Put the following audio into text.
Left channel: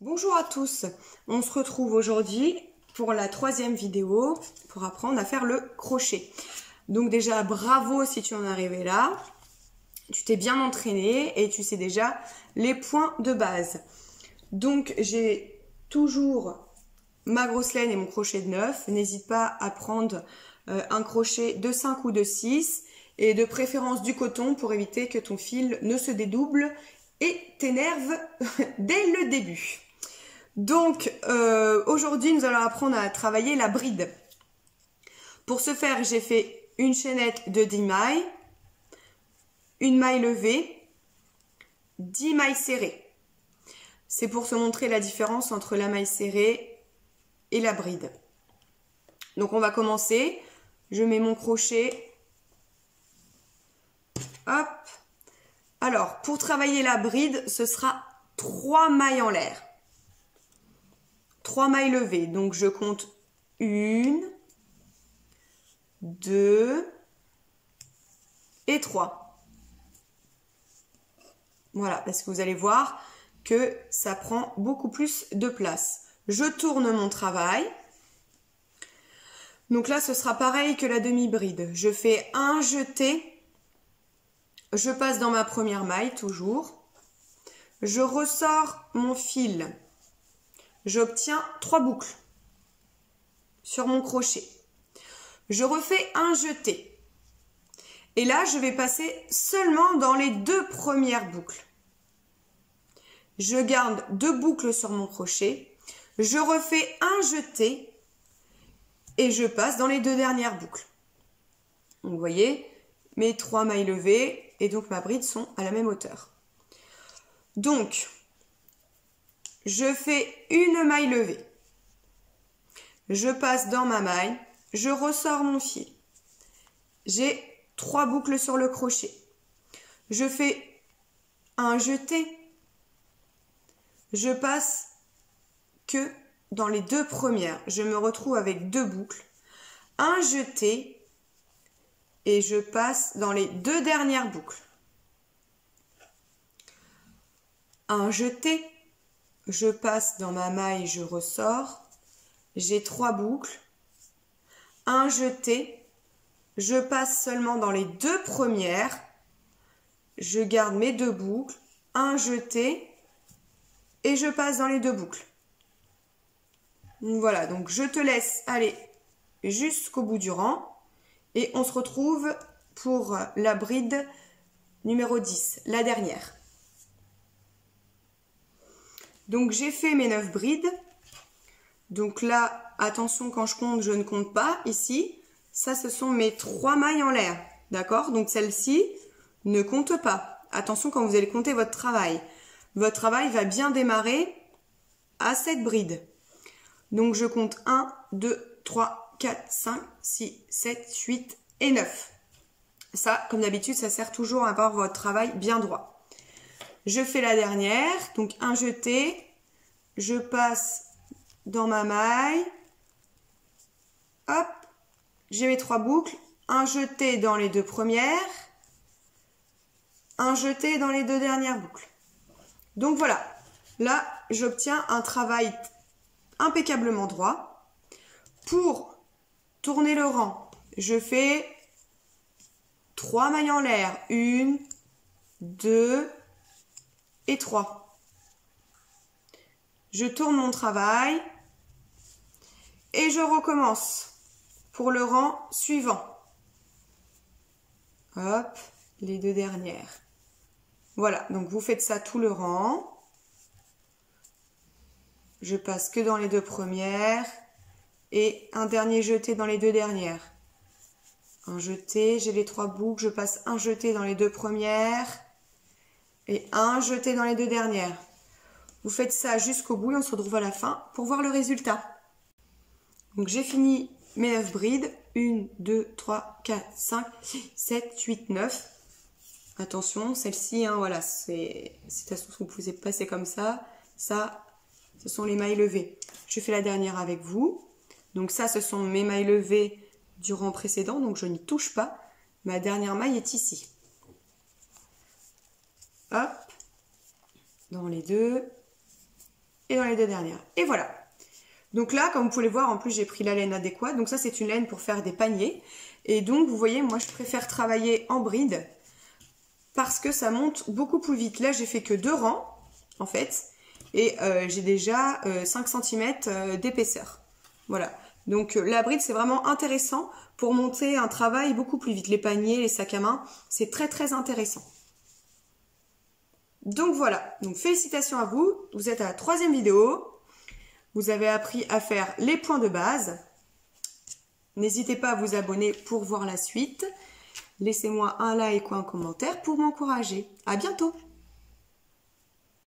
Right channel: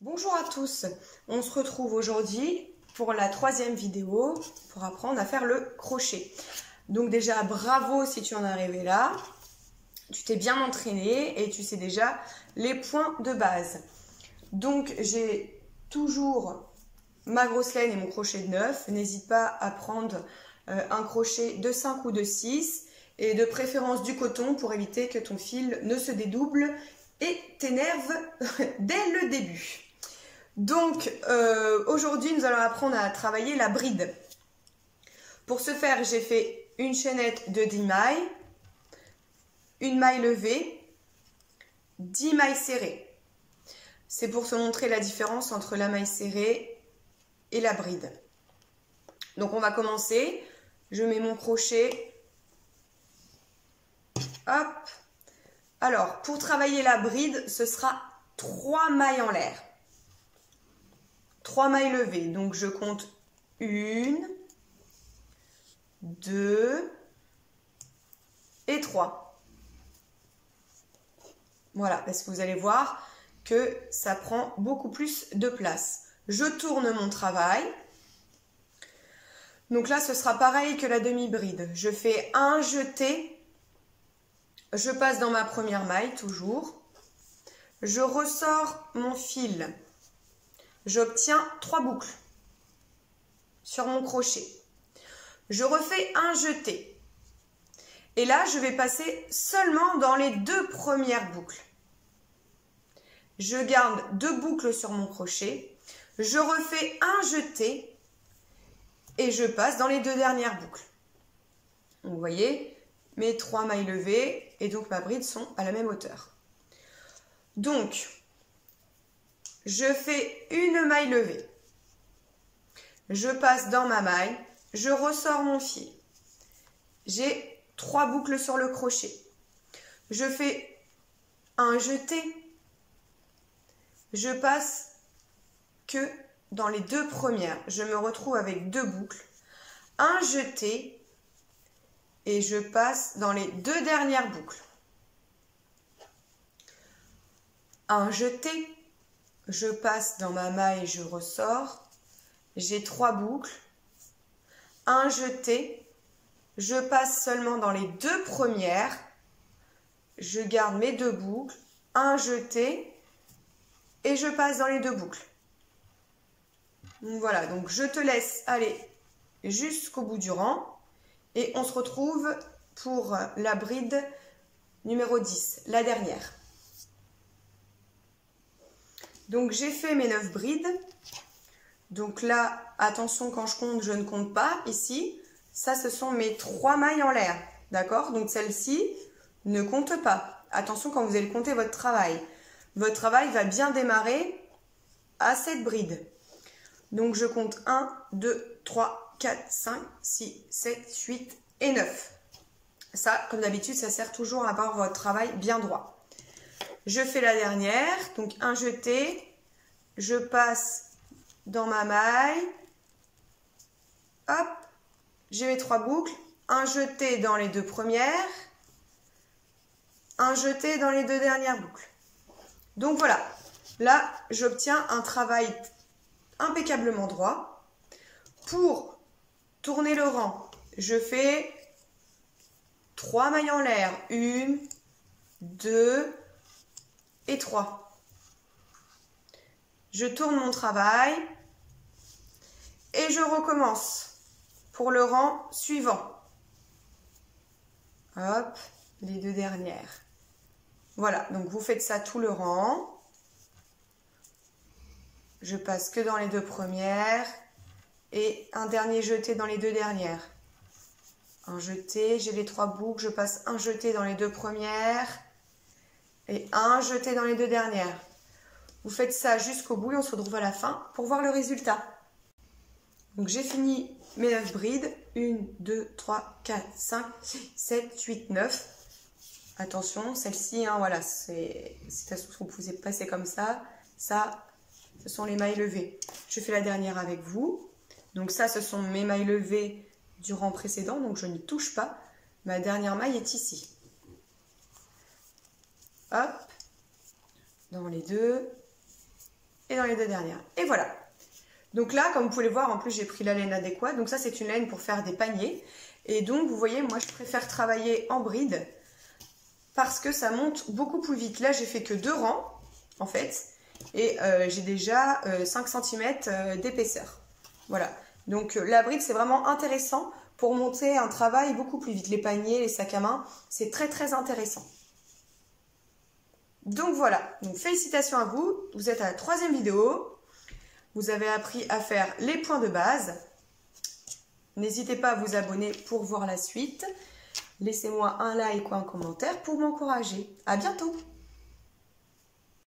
Bonjour à tous, on se retrouve aujourd'hui pour la troisième vidéo pour apprendre à faire le crochet. Donc déjà bravo si tu en es arrivé là, tu t'es bien entraîné et tu sais déjà les points de base. Donc j'ai toujours ma grosse laine et mon crochet de 9, n'hésite pas à prendre un crochet de 5 ou de 6 et de préférence du coton pour éviter que ton fil ne se dédouble et t'énerve dès le début. Donc aujourd'hui nous allons apprendre à travailler la bride. Pour ce faire j'ai fait une chaînette de 10 mailles, une maille levée, 10 mailles serrées. C'est pour te montrer la différence entre la maille serrée et la bride. Donc on va commencer, je mets mon crochet, hop. Alors pour travailler la bride ce sera 3 mailles en l'air. 3 mailles levées, donc je compte 1, 2 et 3. Voilà, parce que vous allez voir que ça prend beaucoup plus de place. Je tourne mon travail. Donc là, ce sera pareil que la demi-bride. Je fais un jeté, je passe dans ma première maille, toujours. Je ressors mon fil. J'obtiens 3 boucles sur mon crochet. Je refais un jeté. Et là, je vais passer seulement dans les 2 premières boucles. Je garde 2 boucles sur mon crochet. Je refais un jeté et je passe dans les 2 dernières boucles. Donc, vous voyez, mes 3 mailles levées et donc ma bride sont à la même hauteur. Donc, je fais une maille levée, je passe dans ma maille, je ressors mon fil, j'ai 3 boucles sur le crochet, je fais un jeté, je passe que dans les 2 premières, je me retrouve avec 2 boucles, un jeté et je passe dans les 2 dernières boucles, un jeté, je passe dans ma maille, je ressors, j'ai 3 boucles, un jeté, je passe seulement dans les 2 premières, je garde mes 2 boucles, un jeté et je passe dans les 2 boucles. Donc voilà, donc je te laisse aller jusqu'au bout du rang et on se retrouve pour la bride numéro 10, la dernière. Donc j'ai fait mes 9 brides. Donc là, attention quand je compte, je ne compte pas ici. Ça, ce sont mes 3 mailles en l'air. D'accord? Donc celle-ci ne compte pas. Attention quand vous allez compter votre travail. Votre travail va bien démarrer à cette bride. Donc je compte 1, 2, 3, 4, 5, 6, 7, 8 et 9. Ça, comme d'habitude, ça sert toujours à avoir votre travail bien droit. Je fais la dernière, donc un jeté, je passe dans ma maille, hop, j'ai mes 3 boucles, un jeté dans les 2 premières, un jeté dans les 2 dernières boucles. Donc voilà, là j'obtiens un travail impeccablement droit. Pour tourner le rang, je fais 3 mailles en l'air, 1, 2 et 3. Je tourne mon travail et je recommence pour le rang suivant. Hop, les 2 dernières. Voilà, donc vous faites ça tout le rang. Je passe que dans les 2 premières et un dernier jeté dans les 2 dernières. Un jeté, j'ai les 3 boucles, je passe un jeté dans les 2 premières et un jeté dans les 2 dernières. Vous faites ça jusqu'au bout et on se retrouve à la fin pour voir le résultat. Donc j'ai fini mes 9 brides. 1, 2, 3, 4, 5, 6, 7, 8, 9. Attention, celle-ci, hein, voilà, c'est vous pouvez passer comme ça. Ça, ce sont les mailles levées. Je fais la dernière avec vous. Donc ça, ce sont mes mailles levées du rang précédent. Donc je n'y touche pas. Ma dernière maille est ici. Hop, dans les 2. et dans les 2 dernières. Et voilà. Donc là, comme vous pouvez le voir, en plus j'ai pris la laine adéquate. Donc ça, c'est une laine pour faire des paniers. Et donc, vous voyez, moi, je préfère travailler en bride parce que ça monte beaucoup plus vite. Là, j'ai fait que 2 rangs, en fait. Et j'ai déjà 5 cm d'épaisseur. Voilà. Donc la bride, c'est vraiment intéressant pour monter un travail beaucoup plus vite. Les paniers, les sacs à main, c'est très très intéressant. Donc voilà. Donc félicitations à vous. Vous êtes à la 3e vidéo. Vous avez appris à faire les points de base. N'hésitez pas à vous abonner pour voir la suite. Laissez-moi un like ou un commentaire pour m'encourager. À bientôt!